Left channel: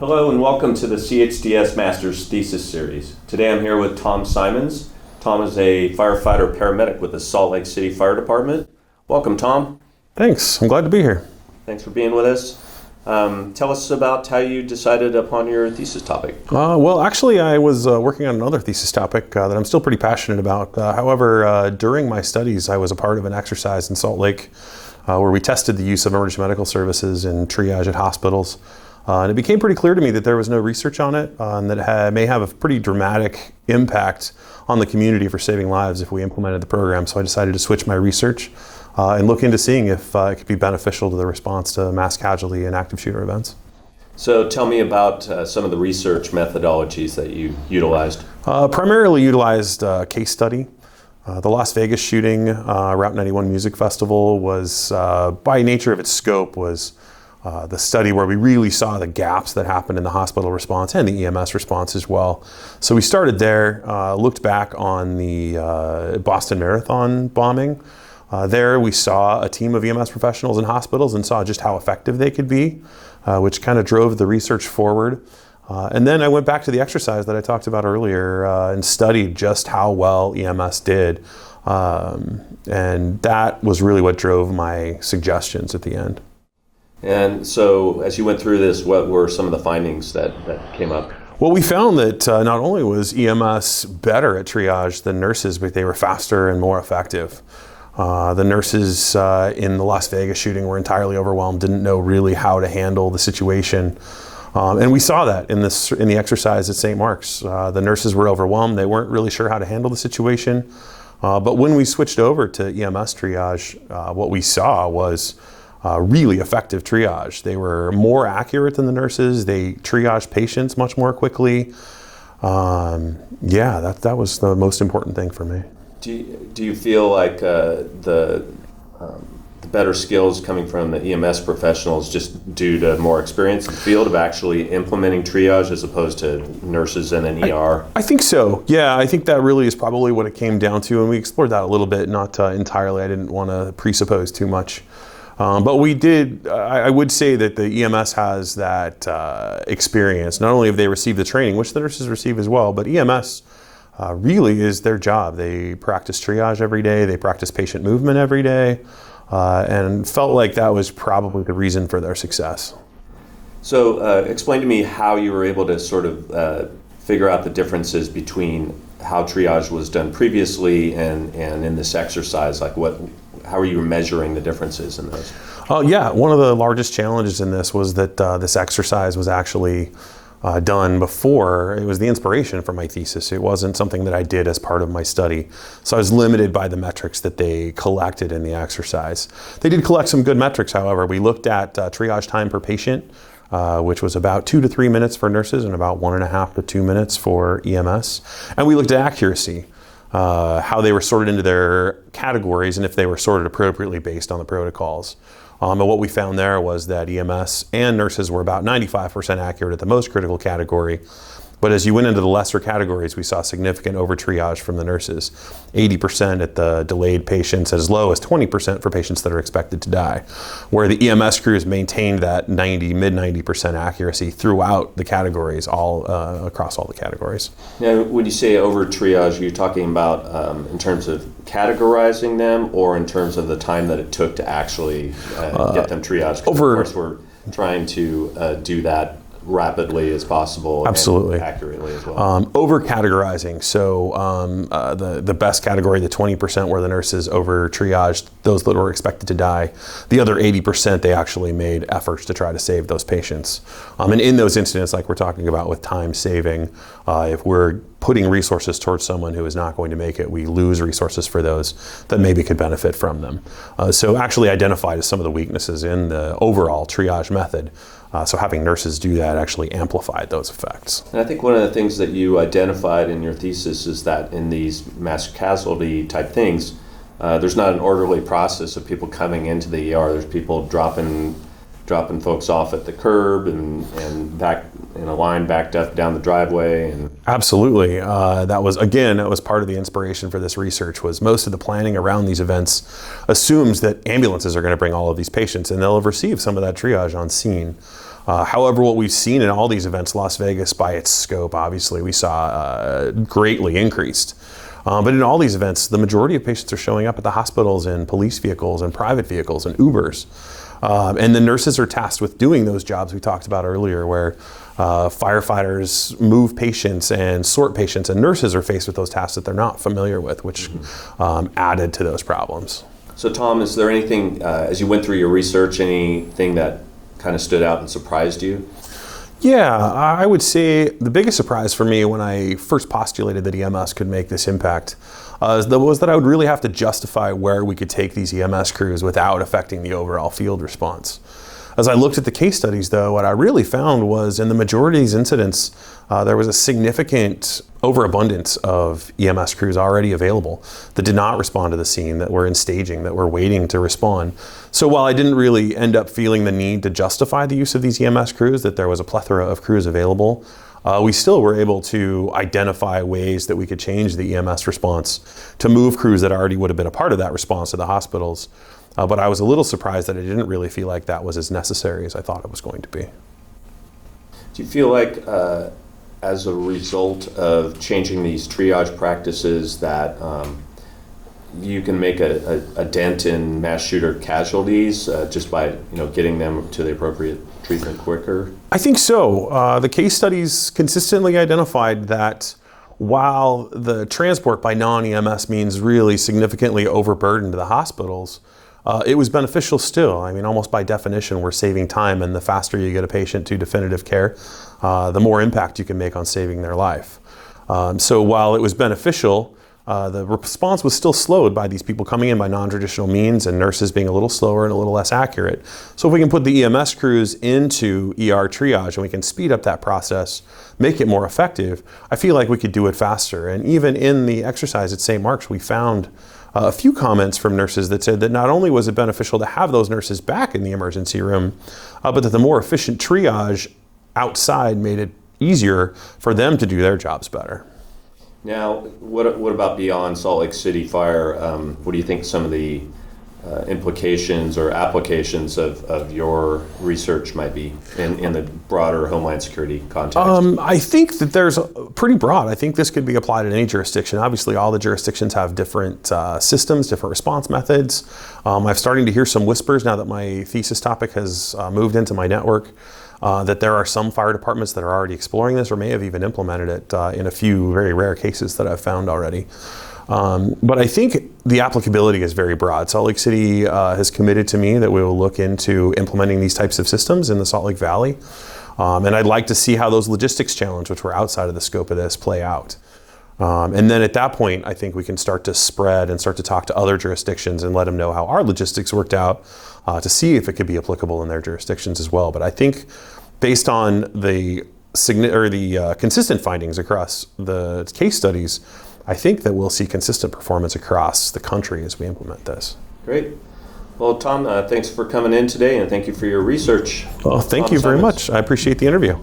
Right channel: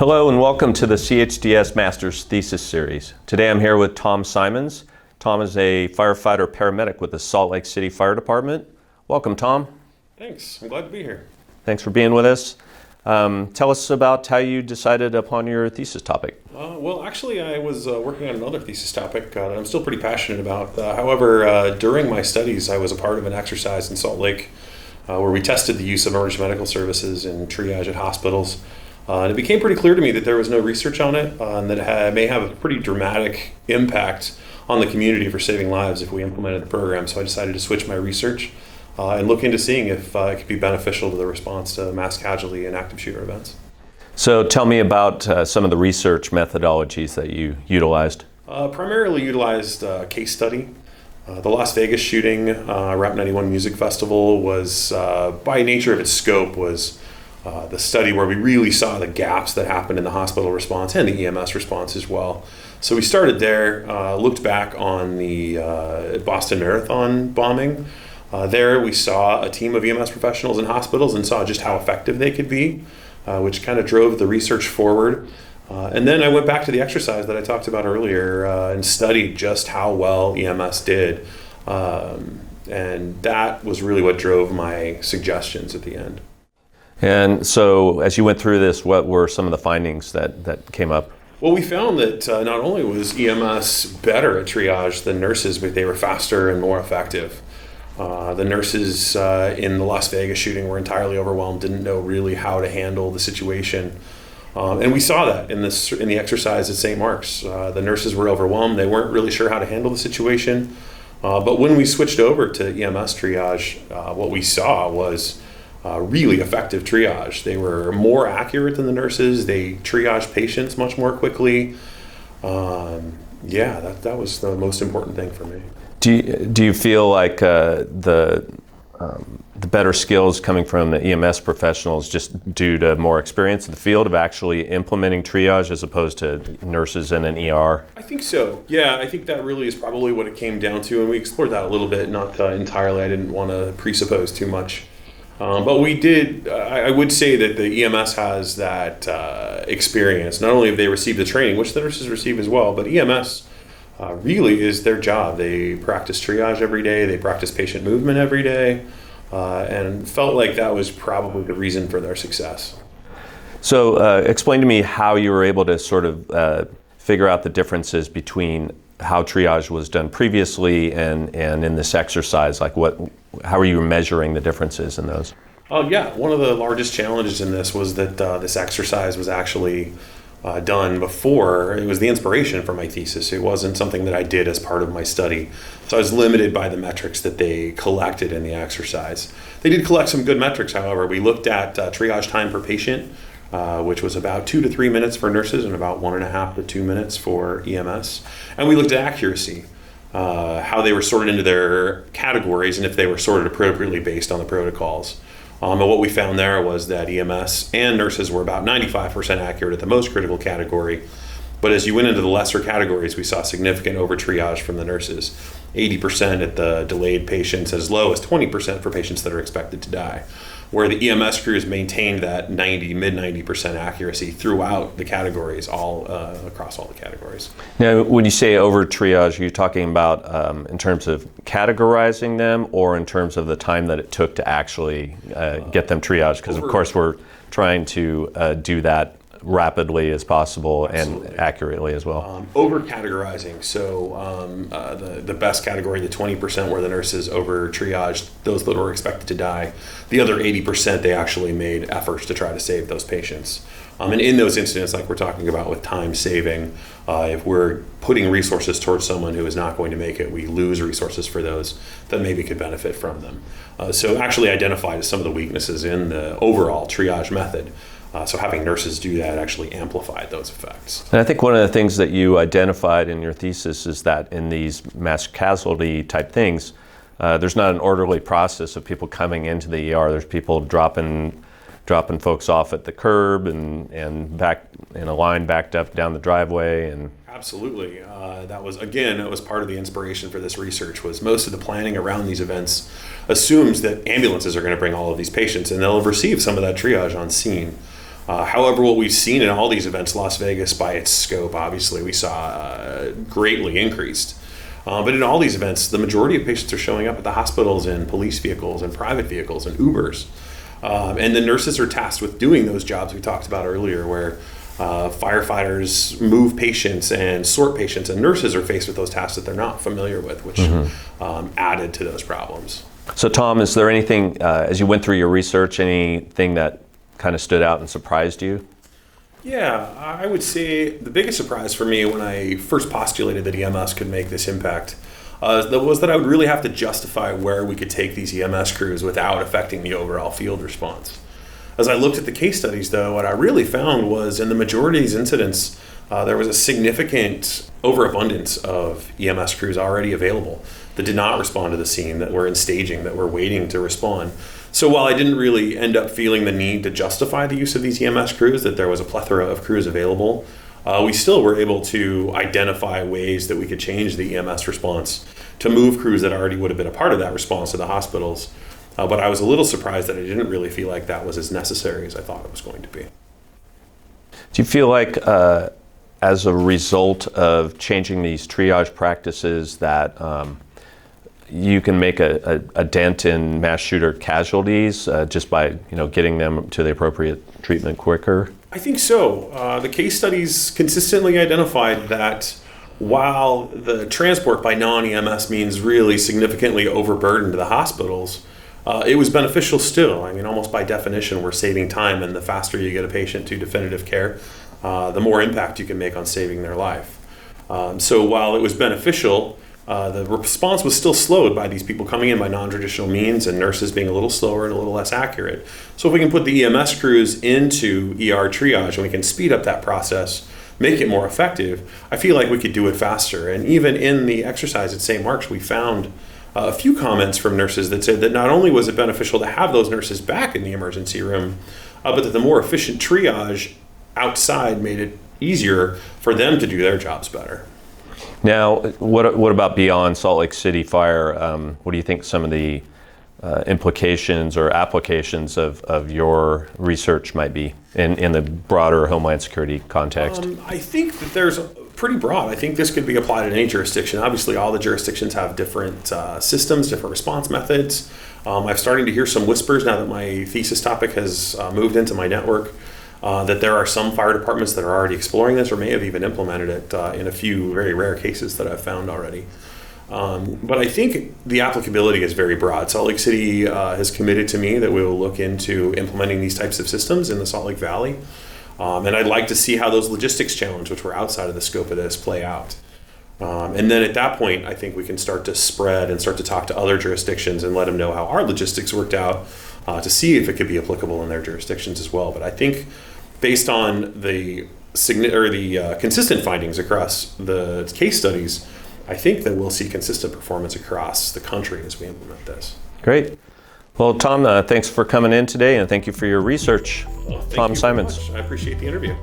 Hello and welcome to the CHDS Master's Thesis Series. Today I'm here with Tom Simons. Tom is a firefighter paramedic with the Salt Lake City Fire Department. Welcome, Tom. Thanks, I'm glad to be here. Thanks for being with us. Tell us about how you decided upon your thesis topic. Well, actually, I was working on another thesis topic that I'm still pretty passionate about. However, during my studies, I was a part of an exercise in Salt Lake where we tested the use of emergency medical services in triage at hospitals. And it became pretty clear to me that there was no research on it, and that it may have a pretty dramatic impact on the community for saving lives if we implemented the program. So I decided to switch my research and look into seeing if it could be beneficial to the response to mass casualty and active shooter events. So tell me about some of the research methodologies that you utilized. Primarily utilized case study. The Las Vegas shooting, Rap 91 Music Festival was, by nature of its scope, was the study where we really saw the gaps that happened in the hospital response and the EMS response as well. So we started there, looked back on the Boston Marathon bombing. There we saw a team of EMS professionals in hospitals and saw just how effective they could be, which kind of drove the research forward. And then I went back to the exercise that I talked about earlier and studied just how well EMS did. And that was really what drove my suggestions at the end. And so as you went through this, what were some of the findings that came up? Well, we found that not only was EMS better at triage than nurses, but they were faster and more effective. The nurses in the Las Vegas shooting were entirely overwhelmed, didn't know really how to handle the situation. And we saw that in the exercise at St. Mark's. The nurses were overwhelmed. They weren't really sure how to handle the situation. But when we switched over to EMS triage, what we saw was really effective triage. They were more accurate than the nurses. They triaged patients much more quickly. That was the most important thing for me. Do you feel like the better skills coming from the EMS professionals just due to more experience in the field of actually implementing triage as opposed to nurses in an ER? I think so. Yeah, I think that really is probably what it came down to, and we explored that a little bit, not entirely. I didn't want to presuppose too much. But we did, I would say that the EMS has that experience. Not only have they received the training, which the nurses receive as well, but EMS really is their job. They practice triage every day, they practice patient movement every day, and felt like that was probably the reason for their success. So explain to me how you were able to sort of figure out the differences between how triage was done previously and in this exercise. Like how are you measuring the differences in those? One of the largest challenges in this was that this exercise was actually done before. It was the inspiration for my thesis. It wasn't something that I did as part of my study. So I was limited by the metrics that they collected in the exercise. They did collect some good metrics, however. We looked at triage time per patient, which was about 2 to 3 minutes for nurses and about 1.5 to 2 minutes for EMS. And we looked at accuracy, how they were sorted into their categories and if they were sorted appropriately based on the protocols. And what we found there was that EMS and nurses were about 95% accurate at the most critical category. But as you went into the lesser categories, we saw significant over triage from the nurses. 80% at the delayed patients, as low as 20% for patients that are expected to die. Where the EMS crews maintained that mid-90% accuracy throughout the categories, all across all the categories. Now, when you say over triage, are you talking about in terms of categorizing them or in terms of the time that it took to actually get them triaged? Because of course we're trying to do that rapidly as possible. Absolutely. And accurately as well. Over categorizing. So the best category, the 20% where the nurses over triaged those that were expected to die. The other 80%, they actually made efforts to try to save those patients. And in those incidents, like we're talking about with time saving, if we're putting resources towards someone who is not going to make it, we lose resources for those that maybe could benefit from them. So actually identified as some of the weaknesses in the overall triage method. So having nurses do that actually amplified those effects. And I think one of the things that you identified in your thesis is that in these mass casualty type things, there's not an orderly process of people coming into the ER. There's people dropping folks off at the curb and back in a line backed up down the driveway. And absolutely, that was part of the inspiration for this research. Was most of the planning around these events assumes that ambulances are going to bring all of these patients and they'll have received some of that triage on scene. However, what we've seen in all these events, Las Vegas by its scope, obviously, we saw greatly increased. But in all these events, the majority of patients are showing up at the hospitals in police vehicles and private vehicles and Ubers. And the nurses are tasked with doing those jobs we talked about earlier, where firefighters move patients and sort patients, and nurses are faced with those tasks that they're not familiar with, which added to those problems. So Tom, is there anything, as you went through your research, anything that kind of stood out and surprised you? Yeah, I would say the biggest surprise for me when I first postulated that EMS could make this impact was that I would really have to justify where we could take these EMS crews without affecting the overall field response. As I looked at the case studies, though, what I really found was in the majority of these incidents, there was a significant overabundance of EMS crews already available that did not respond to the scene, that were in staging, that were waiting to respond. So while I didn't really end up feeling the need to justify the use of these EMS crews, that there was a plethora of crews available, we still were able to identify ways that we could change the EMS response to move crews that already would have been a part of that response to the hospitals. But I was a little surprised that I didn't really feel like that was as necessary as I thought it was going to be. Do you feel like as a result of changing these triage practices that you can make a dent in mass shooter casualties just by getting them to the appropriate treatment quicker? I think so. The case studies consistently identified that while the transport by non-EMS means really significantly overburdened the hospitals, it was beneficial still. I mean, almost by definition, we're saving time, and the faster you get a patient to definitive care, the more impact you can make on saving their life. So while it was beneficial, the response was still slowed by these people coming in by non-traditional means and nurses being a little slower and a little less accurate. So if we can put the EMS crews into ER triage and we can speed up that process, make it more effective, I feel like we could do it faster. And even in the exercise at St. Mark's, we found a few comments from nurses that said that not only was it beneficial to have those nurses back in the emergency room, but that the more efficient triage outside made it easier for them to do their jobs better. Now, what about beyond Salt Lake City Fire? What do you think some of the implications or applications of your research might be in the broader Homeland Security context? I think that there's pretty broad. I think this could be applied in any jurisdiction. Obviously, all the jurisdictions have different systems, different response methods. I'm starting to hear some whispers now that my thesis topic has moved into my network, that there are some fire departments that are already exploring this or may have even implemented it in a few very rare cases that I've found already. But I think the applicability is very broad. Salt Lake City has committed to me that we will look into implementing these types of systems in the Salt Lake Valley. And I'd like to see how those logistics challenges, which were outside of the scope of this, play out. And then at that point, I think we can start to spread and start to talk to other jurisdictions and let them know how our logistics worked out to see if it could be applicable in their jurisdictions as well. But I think based on the consistent findings across the case studies, I think that we'll see consistent performance across the country as we implement this. Great. Well, Tom, thanks for coming in today, and thank you for your research. Well, thank you very much. I appreciate the interview.